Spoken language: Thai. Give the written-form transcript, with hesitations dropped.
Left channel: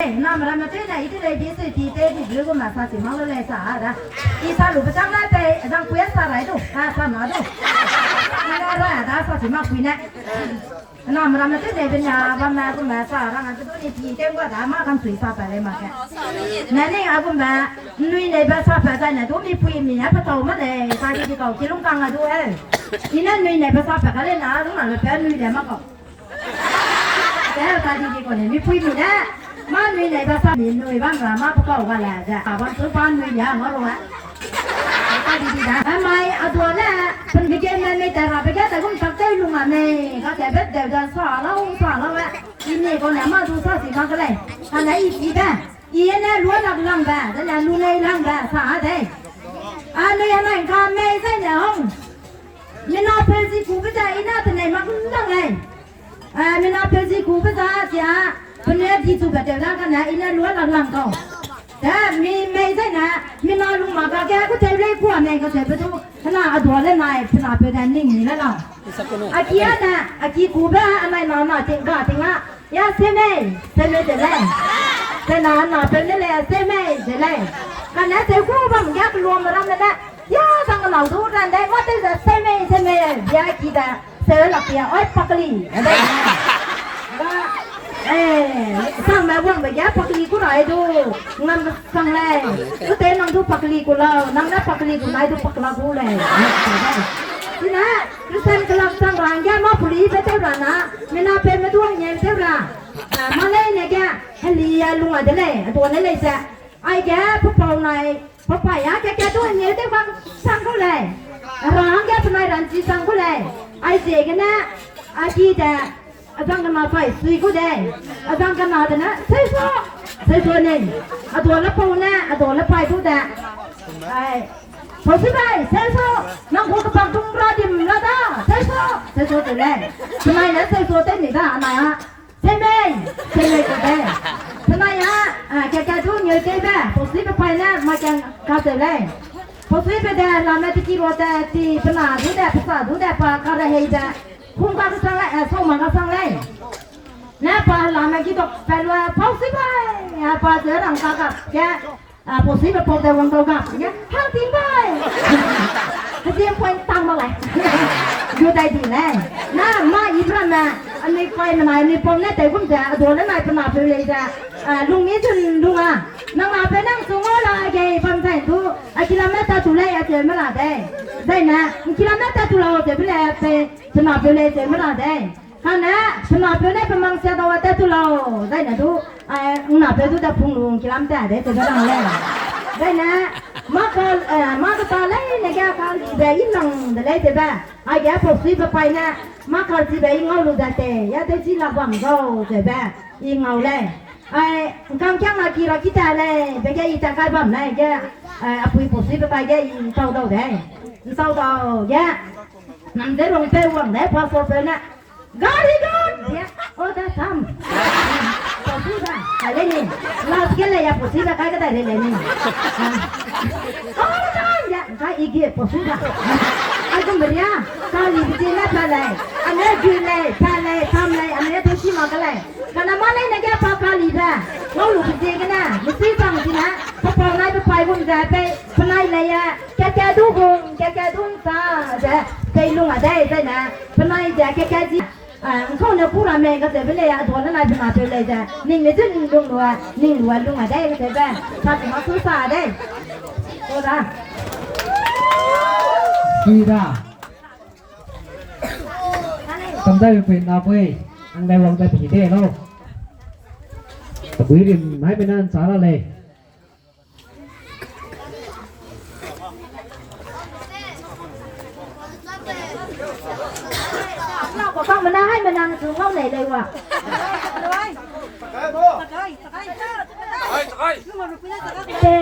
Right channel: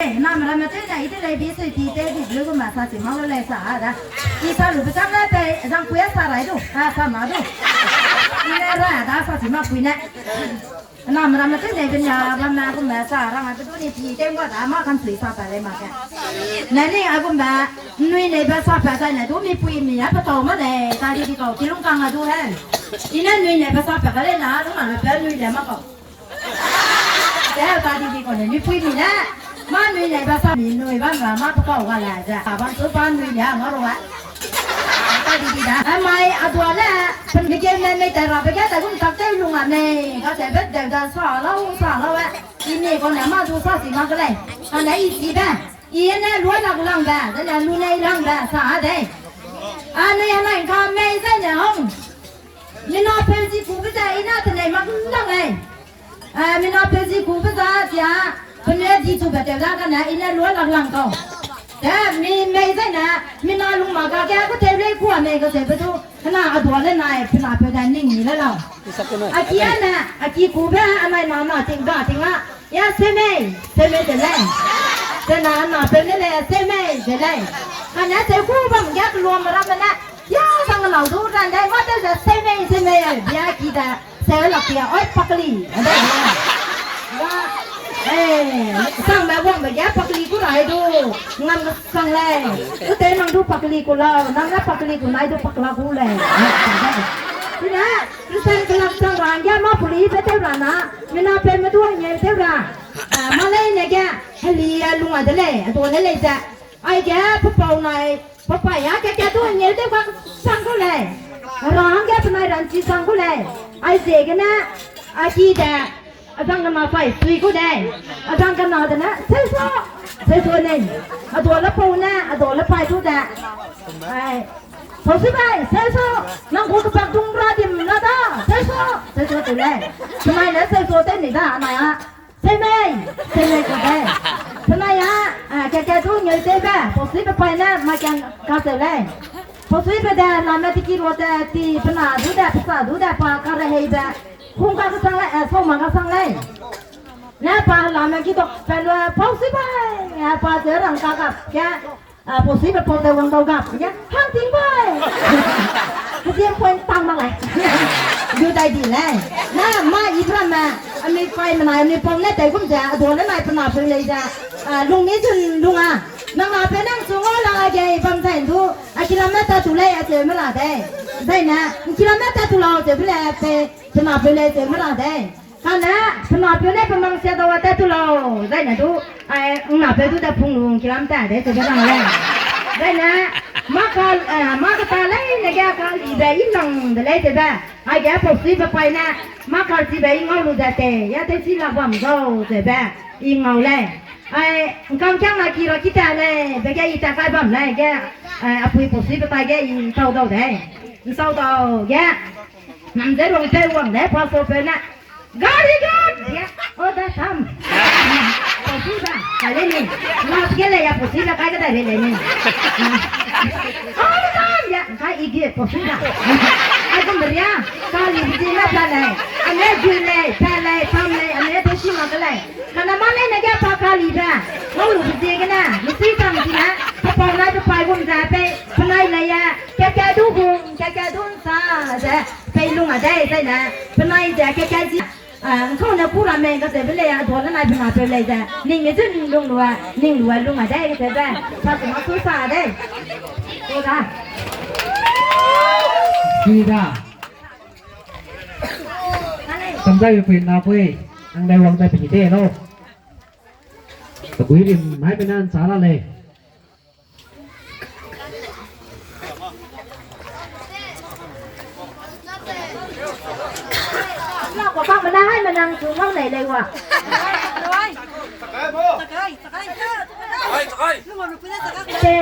那么这呢，一直来比水比在比如果马上就忙了来啥的，一上路不上来呗，让不要上来都，上哪都，来来，他上什么回来？那么这呢，人家个马啥，那么这不是比在我大马上水上来的嘛个，那你个马，你那边上班呢，都没回民也不到嘛嘞，大家到吉隆港啊都哎，你那你那边上班嘞，那都那边你来嘛搞，大家讲呢，你回民呢？มาหนุ่ยไหนภาษาหนุ่ยบ้างละมาพวกเขากันแหละจ้ะบ้านซื้อบ้านหนุ่ยอย่างนั้นหรอวะตาดีๆนะทำไมตัวละเป็นไปเกี่ยวกับไม่แต่เราไปแค่แต่คุณตักใจลุงอ่ะเนี่ยเขาจะเป็นเด็กจะสอนแล้ววะทีนี้คนไหนมาดูสาสิมาก็เลยอันไหนอีสีบ้างอีเนี่ยล้วนหลักลังบ้างแต่เนี่ยลุ้นในลังบ้างสาเด้อันนี้อะไรก็ไม่ใช่เนี่ยห้องไม่น่าเป็นสิกูไม่ใช่อีน่าแต่ไหนมาก็ลังไงไม่น่าเป็นสิกูไม่ใช่จ้ะคนนี้ที่สุดแบบเดียวกันนะอินเนอร์ล้วนหลังเขาแต่มีไม่ใช่นะมีนายลุงมาแกก็เทเล็กกว่าแม่ก็เทไปทุกขนาดตัวเล่นนายขนาดเป็นนายนิ่งแล้วเราอาชีพนะอาชีพกูแบบอะไรนอนจริงอ่ะยาเซเม่เจะเล่นแต่นานเป็นนี่แหละเซเม่จะเล่นขณะเจ้าคู่บังยักรวมมาแล้วนะยาสังเราดูกันได้ว่าแต่เซเม่ยากีดาเซลล์หลักยาอ้อยปักลีอะไรว่าsang mẹ quăng về giá bạc lì của này đu ngâm sang lên cứ thế năng đu bạc lì củaเราnăng nắp bạc lì của này đu bạc la của này thế nè cứ xem cái làm sang rồi giá má bạc lì phải theo ra nè mình nào phải mình đuông nhẹ theo ra mà lấy này kìa hay lì luôn ở đây này tôi lấy ra ai kìa phúc bầu này phúc phải á kìa đuông nhẹ theo sang của này rồi kìa bên này làm gì sang của này ai dễ cái nè ai chi đãอาจารย์กันมาไปสุยก็ได้อาจารย์กันมาแต่นะใช่ตัวนี่ตัวละปูนะตัวละไปทุกแต่พอสิไปใช่นั่งคุยกับดุงราดิมละด้าใช่ตัวตัวเลยทำไมนะใช่ตัวเต้นนี่ด้าอะไรฮะใช่ไหมก็ได้ทำไมฮะแกทุกเงี้ยเต้นแบบพอสิไปนะมาแกก้าวเสร็จเลยพอสิไปได้ลาเมติกิโรแต่ที่พนาดูได้ภาษาดูได้ปากอะไรให้แบบคุณก็สั่งเลยส่งมาก็สั่งเลยนะป้าลามาคิดว่าเป็นว่าพอสิไปป้าเจอรังกากับแกพอสิไปพอเจอวังเตากับแกห้างทิ้งไปเตรียมเพลงตังมาเลยอยู่ได้ดีเลยนะมาอีพระแม่อันนี้ไฟมันไหนอันนี้ผมเนี่ยแต่ผมจะตัวนั้นไหนเป็นอะไรเป็นเลยจ้ะลุงนี้จุนลุงอ่ะนั่งเป็นนั่งสูงอะไรแกฟังใจดูกิโลเมตรตุเลยเจอไม่ละได้ได้นะกิโลเมตรตุเราเจอไม่ละเป็นอะไรเป็นเลยเจอไม่ละได้กันนะเป็นอะไรเป็นเลยเป็นมังเสียตัวแต่ตุเราได้นะดูหน้าเป็นดูแต่พุ่งลงกิโลเมตรได้เจอไม่ละได้นะมาก็ตาเลยนะแกเขาอีเบย์นั่งได้เจอแบบไอ้แกพอสิไปนะมาเขาสิเบย์งอลูได้แต่ยาเตจิลาบัมโซ่เจอแบบยิงเอาเลยกำจังนาคีเราคิดอะไรเด็กอีตาใครบ้างเลยแกปุยปุ๊สิไปแกยิงเศร้าเท่าไหร่เศร้าเท่าแกนั่นเดี๋ยวเราจะวางเดี๋ยวพอโซเฟนะกาลิกันแกโอ้แต่ทำปุ๊สิบ้าอะไรนี่ลาสเกเลยปุ๊สิบ้าใครก็ได้เลยนี่โอ้แต่ทำแกใครอีกเดียปุ๊สิบ้าไอ้คนเดียวกาลิบิจิมาพลายอันนี้จุยเลยพลายทำเลยอันนี้ตัวชิมาก็เลยขณะมาเลยนะแกปากกาลีบ้าเราลูกเจ๊กันนะมิสซี่ฟังสินะพอปอนายไปบุญใจไปพนายเลยอะแกดูบุญแกดูซาจะไปลุงอะไรได้นะพนายจะแกจีเขาเนี่ยพูดอะไรก็จะไปเลยอะตัวนั้นนายพนายไปเลยจะนิ่งไม่ถึงลุงหนัวนิ่งหนัวลุงอะไรก็จะไปพอถึงมาสู้ซาได้ตัวละดีนะทำได้เป็นอาเฟ่อังได้ลองได้เป็นยี่เต้เนาะตะกุยริมให้ไปนั่นสาระเลยเราก็ฟังมันได้ให้มันนั่งสูงเท่าไหนเลยวะเจ๊